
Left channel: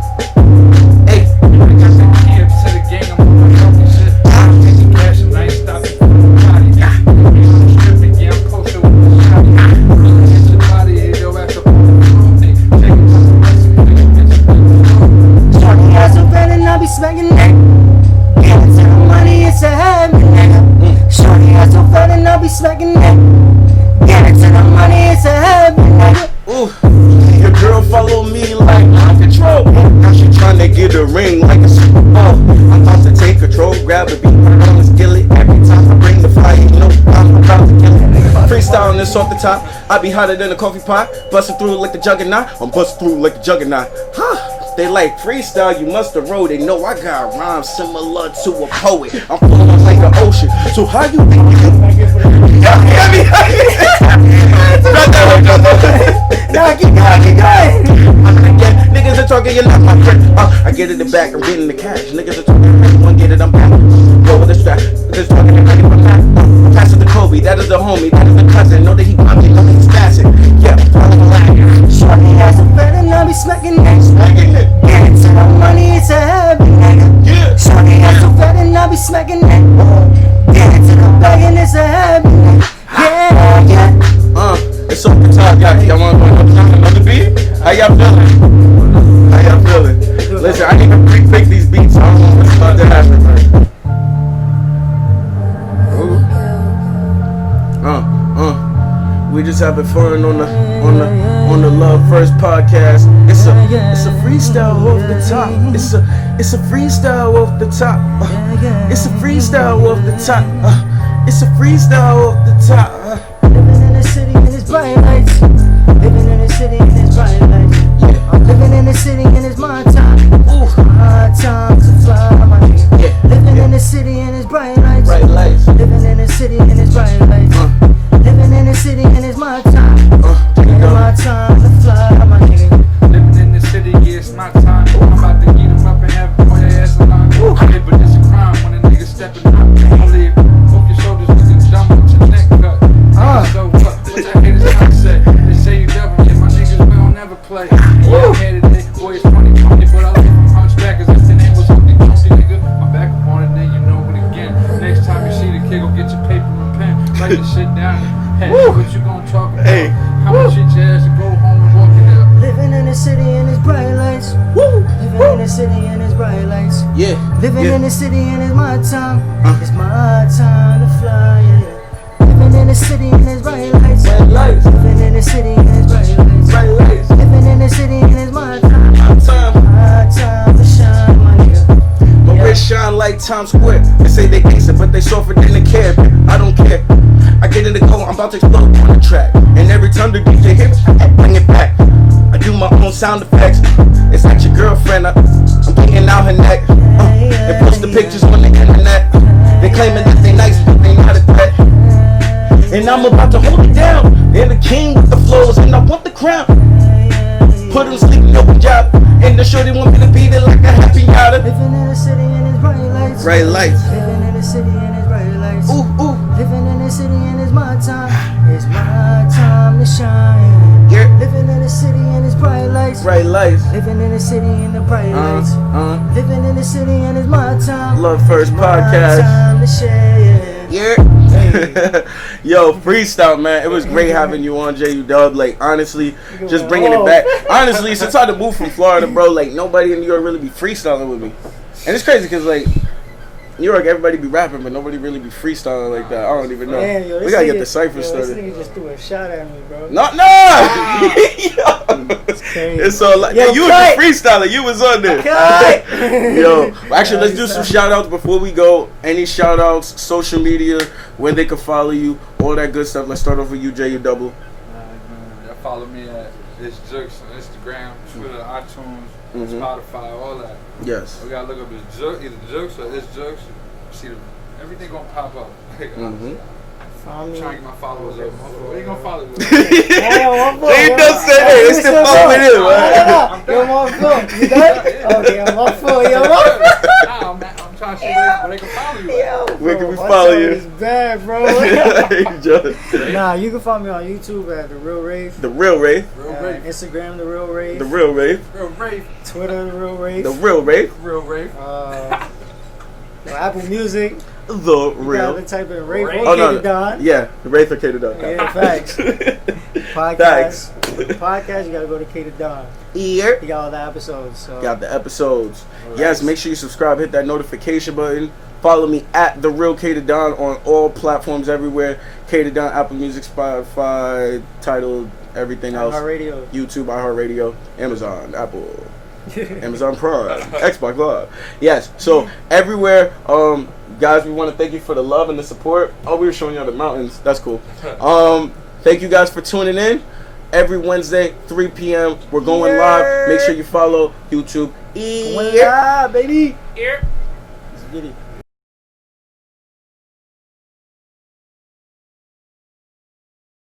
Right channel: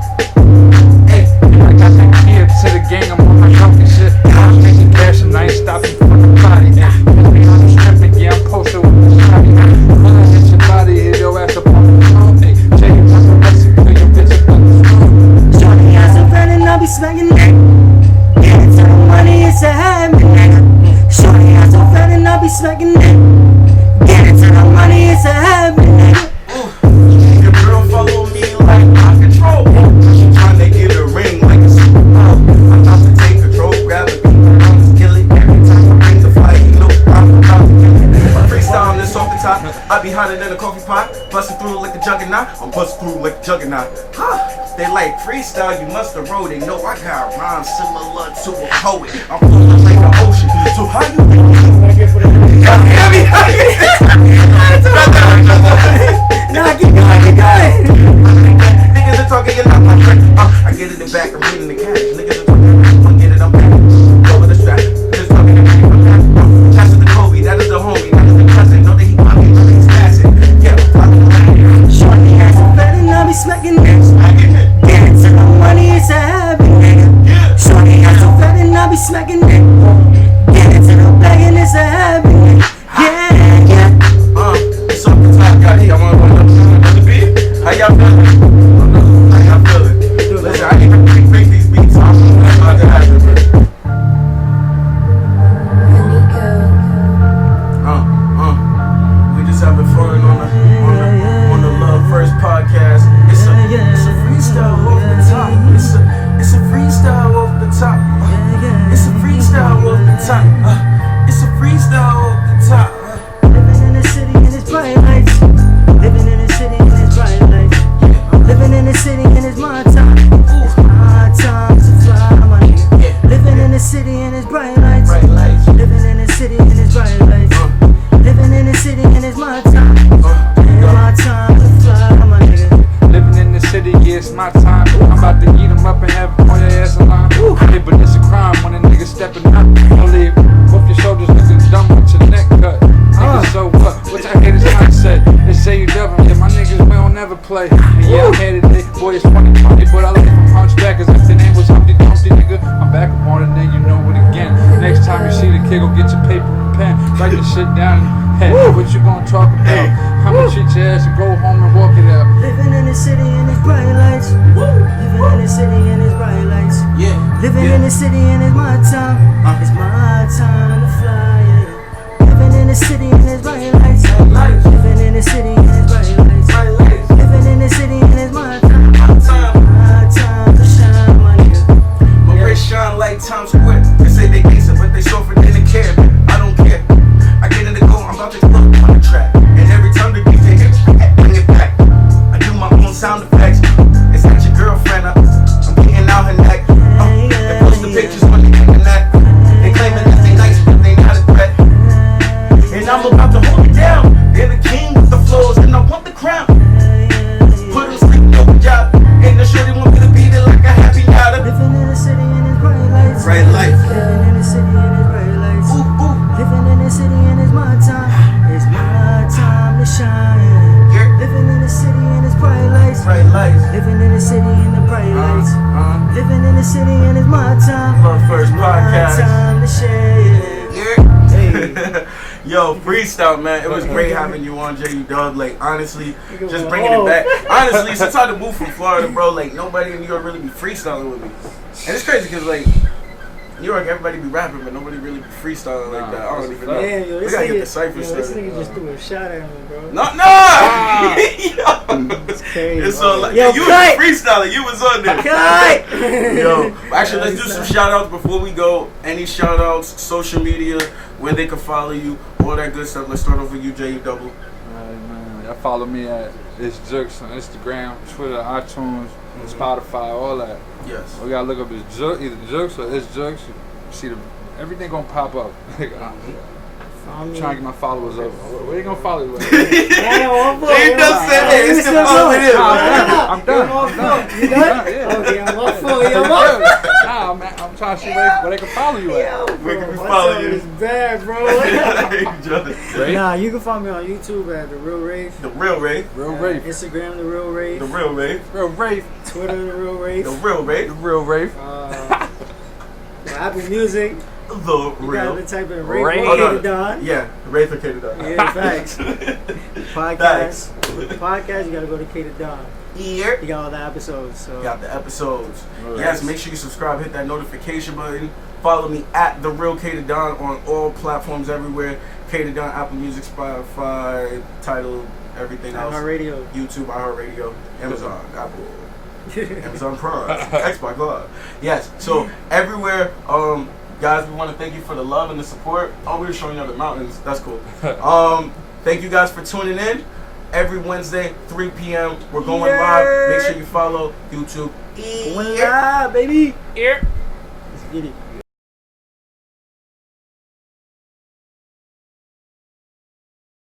Hey, I got the key to the gang, I'm on my choking shit. I'm making cash and I ain't stopping for the body. Let me on the stripping, yeah, I'm posted with the shotty. Bullet hit your body, hit your ass up on the floor. Hey, check it out the rest, bring your bitch up on the floor. Shorty ass too fat and I be smacking it. Getting to the money, it's a habit, nigga. Shorty ass too fat and I be smacking it. Getting to the money, it's a habit, nigga. Ooh, your girl follow me like my control. Now she tryna get a ring like a Super Bowl. I'm about to take control, grab the beat, put it on the skillet. Every time I bring the fire, you know I'm about to kill it. Freestyling this off the top, I be hotter than a coffee pot. Busting through like a juggernaut, I'm busting through like a juggernaut. Huh? They like freestyle, you must have wrote it. No, I got rhymes similar to a poet. I'm flowing like an ocean. So how you think you Nah, keep going. Niggas are talking, you're not my friend. I get it in the back, I'm getting the cash. Niggas are talking, I want get it, I'm back. Go with the strap, just talking and ready for that. Pass it to Kobe, that is the homie, that is the cousin. Know that he popping, know that he's passing. Yeah, follow the line. Shorty ass too fat and I be smacking it. Smacking it. Getting to the money, it's a habit, nigga. Yeah. Shorty ass so fat and I be smacking it. Get into the bag and it's a habit. Yeah, yeah. It's off the top, y'all wanna go another beat? How y'all feeling? Listen, I didn't even pre-pick these beats. I don't know what's about to happen, man. We just having fun on the Love First podcast. It's a freestyle off the top. It's a freestyle off the top. It's a freestyle off the top. It's a freestyle off the top. Living in the city and it's bright lights. Living in the city and it's bright lights. I'm living in the city and it's my time. It's my time to fly, my nigga. Living in the city and it's bright lights. Living in the city and it's bright lights. Living in the city and it's my time. It's my time to fly, my nigga. Living in the city, yeah, it's my time. I'm about to eat them up and have them on your ass alive. Hey, but it's a crime when a nigga stepping up. I leave off your shoulders looking dumb with your neck cut. Nigga, so what? What's that haters mindset? They say you devil, yeah, my niggas, we don't never play. And yeah, I'm here today, boy, it's funny, but I look from hunchback as if the name was Humpty Dumpty, nigga. I'm back up on it, then you know it again. Next time you see the kid, go get your paper and pen. Write the shit down in your head. What you gonna talk about? How much shit your ass to go home and walk it out? Living in the city and it's bright lights. Living in the city and it's bright lights. Living in the city and it's my time. It's my time to fly, yeah. Living in the city and it's bright lights. Living in the city and it's bright lights. Living in the city and it's my time. My time to shine, my nigga. My wrist shine like Times Square. They say they gangster, but they softer than the cab. I don't care. I get in the go, I'm about to explode on the track. And every time the DJ hits, I bring it back. I do my own sound effects. It's not your girlfriend. I'm getting out her neck. They post the pictures on the internet. They claiming that they nice, but they not a threat. And I'm about to hold it down. They're the king with the flows, and I want the crown. Put them sleeping open job. And the shorty want me to beat it like a happy yada. Living in the city and it's bright lights. Bright lights. Living in the city and it's bright lights. Ooh. Living in the city and it's my time. It's my time to shine. Living in the city and it's bright lights. Living in the city and the bright lights. Living in the city and it's my time. Love First podcast. My time to share. Hey. Yo, freestyle, man. It was great having you on, J-Dub. Like, honestly, just bringing it back. Honestly, since I moved from Florida, bro, like, nobody in New York really be freestyling with me. And it's crazy because, like, New York, everybody be rapping, but nobody really be freestyling like that. I don't even know. Damn, yo, we gotta get the cipher started. This started. nigga just threw a shot at me, bro. No! It's crazy. It's all like, yo, you was a freestyler. You was on there. Yo, actually, let's do some shout outs before we go. Any shout outs, social media, where they can follow you, all that good stuff. Let's start off with you, J-Double. Man, y'all follow me at It's Jux on Instagram, Twitter, iTunes, Spotify, all that. Yes. We gotta look up It's Jux, either Jux or It's Jux. See everything gonna pop up. I'm trying to get my followers up. Where you gonna follow me? J-Dub said, hey, it's still following him. I'm off full. You done? Okay, I'm off full. Yo, Nah, man, I'm trying to see where they can follow you at. Where can we follow you? It's bad, bro. Nah, you can follow me on YouTube at The Real Wraith. The Real Wraith. Instagram, The Real Wraith. The Real Wraith. Real Wraith. Twitter, The Real Wraith. The Real Wraith. The Real Wraith. Apple Music. The You Real. gotta type in Wraith Wraith. or K-Don. Yeah, the Wraith or K-Don. Yeah, facts. Podcast, you gotta go to K-Don. Here. You got all the episodes. So. Got the episodes. All Yes, right. make sure you subscribe, hit that notification button. Follow me at The Real K-Don on all platforms everywhere. K-Don, Apple Music, Spotify, Tidal, everything else. iHeartRadio. YouTube, iHeartRadio, Amazon, Apple, Amazon Prime, Xbox Live. Yes, so everywhere. Guys, we want to thank you for the love and the support. Oh, we were showing you the mountains. That's cool. Thank you guys for tuning in. Every Wednesday, 3 p.m. We're going live. Make sure you follow YouTube. Going live, baby. Here. Let's get it.